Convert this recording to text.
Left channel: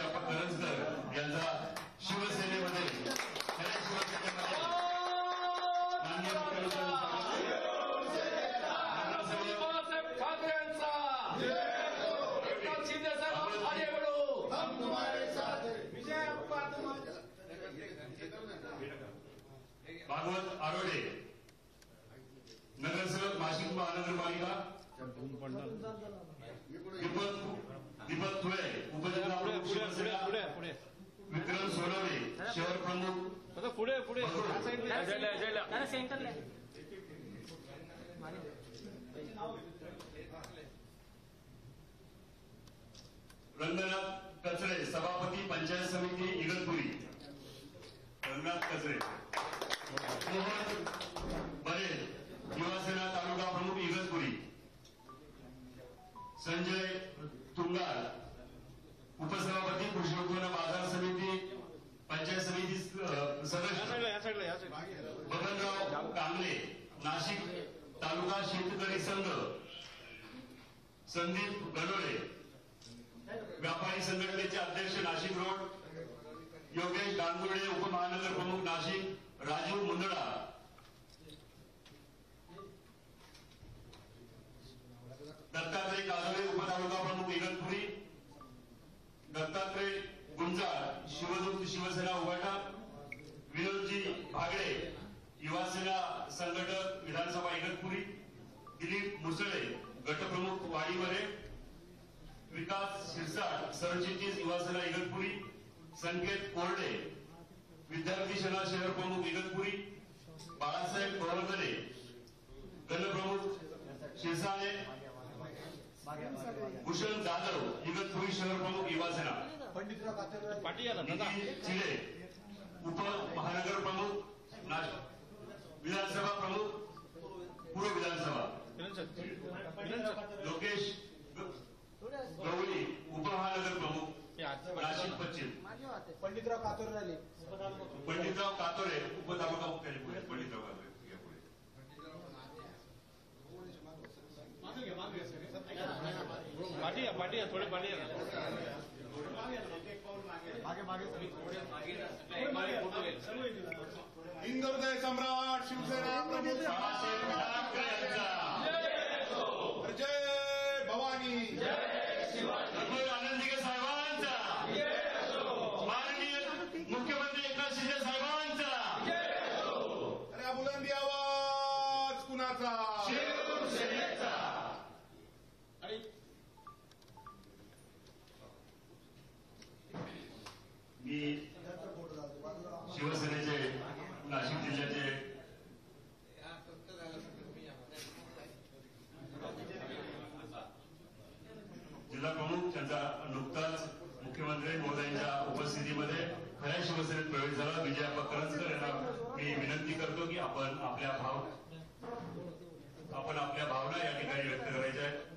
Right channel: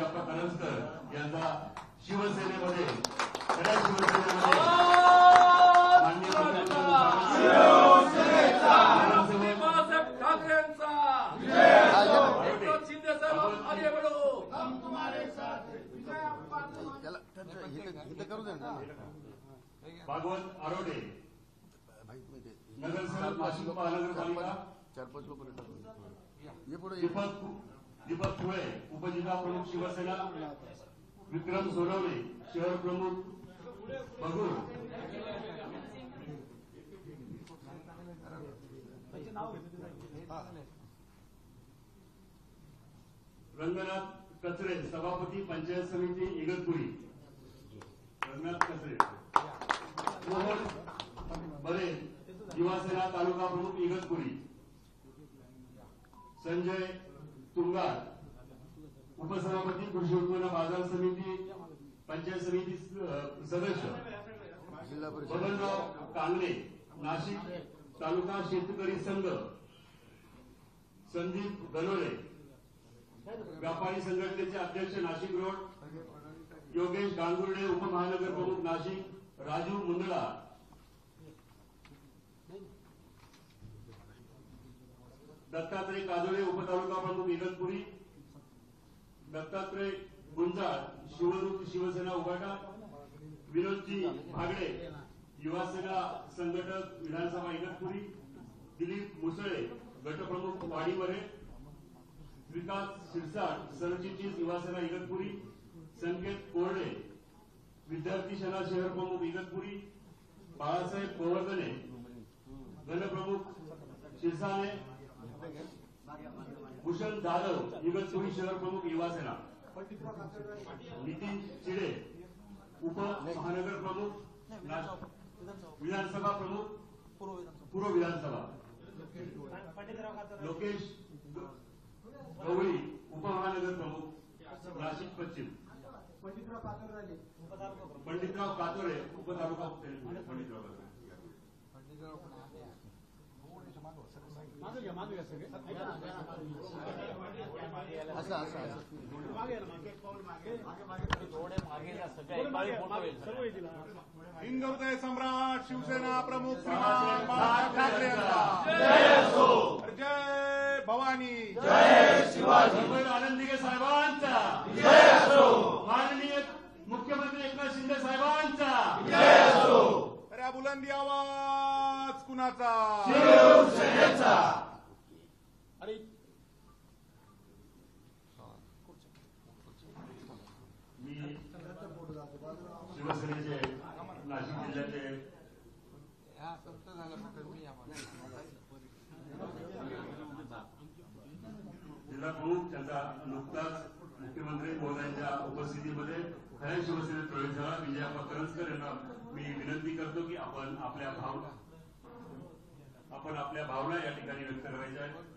विजयाप्पा करंजकर यांचा शिवसेनेमध्ये खऱ्या शिवसेनेमध्ये माननीय भागवत आरोडे नगरसेवक नाशिक महानगरपालिका, दीपक थोळे उपजिल्हा प्रमुख शिवसेना, विक्रम सोनवणे शहर प्रमुख रंगनाथ कचरे सभापती पंचायत समिती इगतपुरी, रंगनाथ कचरे बरेल युवासेना तालुका प्रमुख इगतपुरी, संजय तुंगार उपसभापती कृषी उत्पन्न बाजार समिती पंचायत समिती सदस्य, बबनराव कांगले नाशिक तालुका शेतकरी संघ, संदीप गलोळे व्यापारी संघटनेचे अध्यक्ष नाशिक रोड, योगेश गांगुर्डे उपमहानगर प्रमुख नाशिक, राजू मुंदडा दत्तात्रय काजोळे उपतालुका प्रमुख इगतपुरी, दत्तात्रय गुंजाळ शिवदूत शिवसेना उबाटा, विनोदजी भागडे युवासेना संघटक विधानसभा इगतपुरी, दिलीप मुसळे गटप्रमुख वाडीमध्ये, विकास शिरसाट सरचिटणीस युवासेना इगतपुरी, संकेत कोरडे विद्यार्थी सेना शहर प्रमुख इगतपुरी, बाळासाहेब गोवर्धने गणप्रमुख शिरसाणे, भूषण जाधव इगतपुरी शहर प्रमुख युवासेना, चिले उपमहानगर प्रमुख विधानसभा प्रमुख पूर्व विधानसभा, लोकेश गवळी उपमहानगर प्रमुख नाशिक पश्चिम, पंडितराव कातोरे उपतालुका पंडितराव हिंदुहृदय सम्राट शिवसेना प्रमुख जय भवानी, जय शिवाजी, आनंदीगे साहेबांचा माननीय मुख्यमंत्री एकनाथ शिंदे साहेबांचा अरे बुलंदी आवाज कुणाचा? शिवसेनेचा. मी शिवसेनेचे नाशिक जिल्ह्याचे जिल्हा प्रमुख त्यांचा नुकताच मुख्यमंत्री महोदयांच्या उपस्थितीमध्ये खऱ्या शिवसेनेत प्रवेश झाला विजयाप्पा करंजकर यांना मी विनंती करतो की आपण आपल्या भावना या ठिकाणी व्यक्त करायच्या आहेत.